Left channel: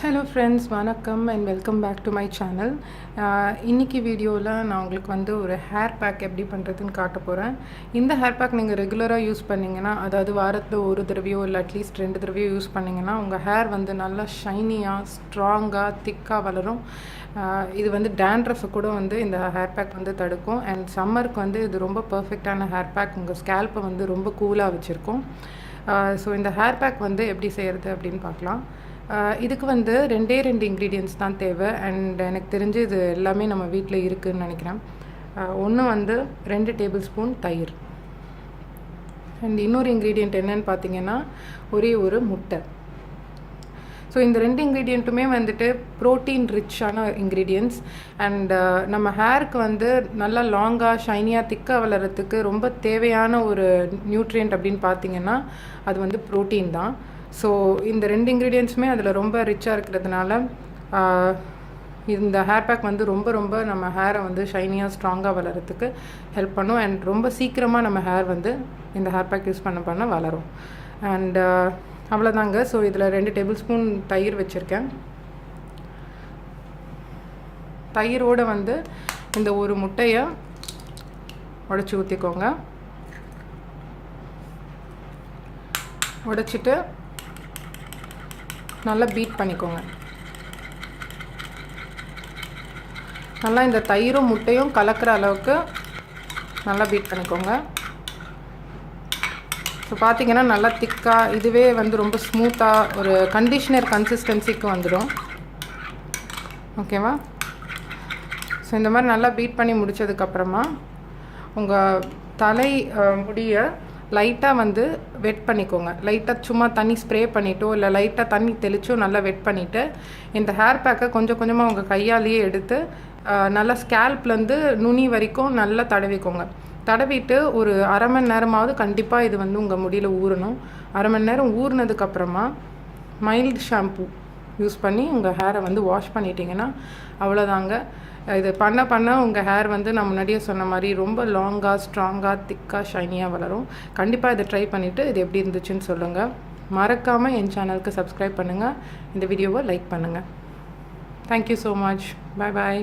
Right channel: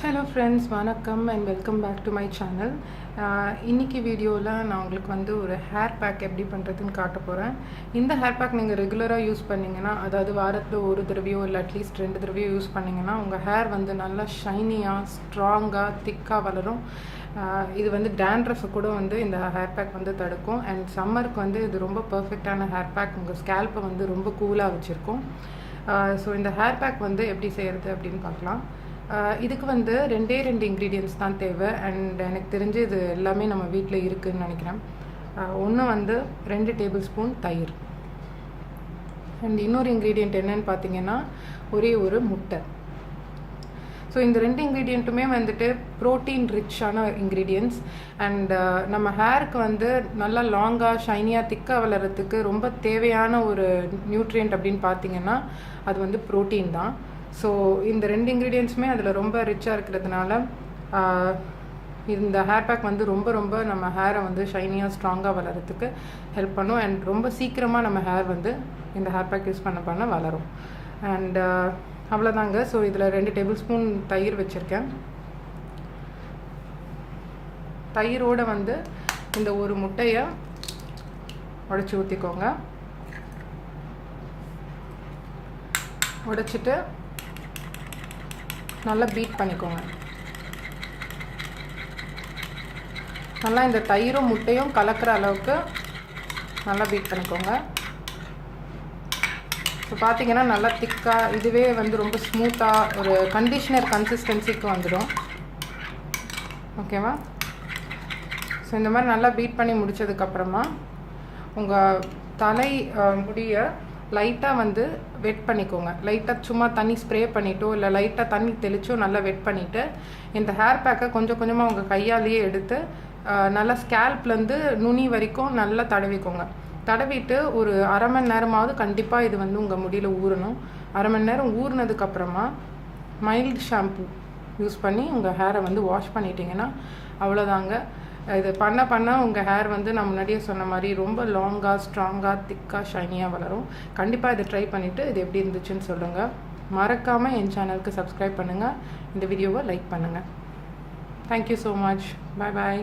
Hello friends, வணக்கம் and welcome back to my channel. இன்றைக்கி வீடியோவில் நான் உங்களுக்கு வந்து ஒரு ஹேர் பேக் எப்படி பண்ணுறதுன்னு காட்ட போகிறேன். இந்த ஹேர் பேக் நீங்கள் ரெகுலராக யூஸ் பண்ணிங்கன்னா, அதாவது வாரத்தில் ஒரு தடவையோ இல்லை அட்லீஸ்ட் 2 தடவையோ யூஸ் பண்ணிங்கன்னா உங்கள் ஹேர் வந்து நல்லா ஷைனியாக, ஸ்ட்ராங்காக, திக்காக வளரும். இது வந்து டேண்ட்ரஃபை கூட வந்து இந்த ஹேர் பேக் வந்து தடுக்கும். அண்ட் சம்மருக்கு வந்து இது ரொம்ப பர்ஃபெக்டான ஹேர் பேக். உங்கள் ஸ்கேல்ப்பை வந்து ரொம்ப கூலாக வச்சுருக்கும். ஸோ இந்த ஹேர் பேக் வந்து எப்படி செய்கிறது அப்படின்னு பார்க்கலாம். இதுக்கு வந்து 2 இன்க்ரீடியன்ட்ஸ் தான் தேவை. அண்ட் எனக்கு தெரிஞ்சு இது எல்லாமே நம்ம வீட்டில் இருக்குதுன்னு நினைக்கிறேன். ஒன்று வந்து 2 டேபிள் ஸ்பூன் தயிர். அண்ட் இன்னொரு இன்க்ரீடியண்ட் என்னென்னு பார்த்தீங்கன்னா ஒரே ஒரு முட்டை. ஸோ இந்த 2 இன்க்ரீடியண்ட்டுமே வந்துட்டு ப்ரோட்டீன் ரிச்சான இன்க்ரீடியன்ட்ஸ். அண்ட் நம்ம ஹேருக்கு வந்து நல்லா லாங்காக, ஷைனியாக, திக்காக வளர்கிறதுக்கு ரொம்ப தேவையான ஒரு நியூட்ரியன்ட் அப்படின்னு பார்த்தீங்கன்னா அது வந்து ப்ரோட்டீன் தான். ஸோ இந்த 2 இன்க்ரீடியன்ட்ஸுமே அதில் ரொம்ப ரிச்சாக இருக்கிறதுனால இந்த ஹேர் பேக் வந்து ரொம்ப நம்ம ஹேரை வந்து ஷைனியாக, ஸ்ட்ராங்காக வளர்கிறதுக்கு ஹெல்ப் பண்ணும். அண்ட் ரொம்ப சீக்கிரமாக நம்ம ஹேர் வந்து இந்த ஹேர் பேக் யூஸ் பண்ண வளரும். அண்ட் அவ்வளோதாங்க. ஸோ இதில் 2 டேபிள் ஸ்பூன் தயிர் வச்சுருக்கேன். தயிரோடு வந்து இந்த ஒரு முட்டையை உடைச்சி ஊற்றிக்கோங்க. உடைச்சிட்டு நல்லா பீட் பண்ணிக்கோங்க. நல்லா இந்த தயிரும் முட்டையும் கலக்கிற அளவுக்கு நல்லா பீட் பண்ணிக்கோங்க. ஸோ பார்த்தீங்கன்னா நல்லா திக்காக, இதுவே வந்து ரொம்ப ஸ்மூத்தாக ஒரு கண்டிஷ்னர் கன்சிஸ்டன்சிக்கு வந்துடும். ஓகேவா? ஸோ இந்த மாதிரி நல்லா பீட் பண்ணி முடித்ததுக்கப்புறமா உங்கள் தலை முடியை லைட்டாக வந்து வெட் பண்ணிக்கோங்க. லைட்டாக சும்மா தண்ணி ஸ்ப்ரே பண்ணிவிட்டோ இல்லை லைட்டாக தண்ணி தெளிச்சோ நல்லா வெட் பண்ணிவிட்டு இந்த ஹேர் பேக்கை கொஞ்சம் கொஞ்சமாக உங்கள் கையாலேயே எடுத்து நல்லா ஸ்கேல்ப்லேருந்து நுனி வரைக்கும் நல்லா தடவிக்கோங்க. தடவிட்டு ஒரு அரை மணி நேரமாவது கண்டிப்பாக இது வந்து உங்கள் முடியில் ஊறணும். அரை மணி நேரம் ஊறினதுக்கப்புறமா மைல்டு ஷாம்பு யூஸ் பண்ணி உங்கள் ஹேரை வந்து வாஷ் பண்ணிட்டீங்கன்னா அவ்வளோதாங்க. இது பண்ண உங்கள் ஹேர் வந்து நான் முன்னாடியே சொன்ன மாதிரி ரொம்ப லாங்காக, ஸ்ட்ராங்காக, திக்காக, ஷைனியாக வளரும். கண்டிப்பாக இதை ட்ரை பண்ணிவிட்டு இது எப்படி இருந்துச்சுன்னு சொல்லுங்கள். மறக்காமல் என் சேனலுக்கு சப்ஸ்கிரைப் பண்ணுங்கள். இந்த வீடியோவை லைக் பண்ணுங்கள். Thank you so much. பாய்.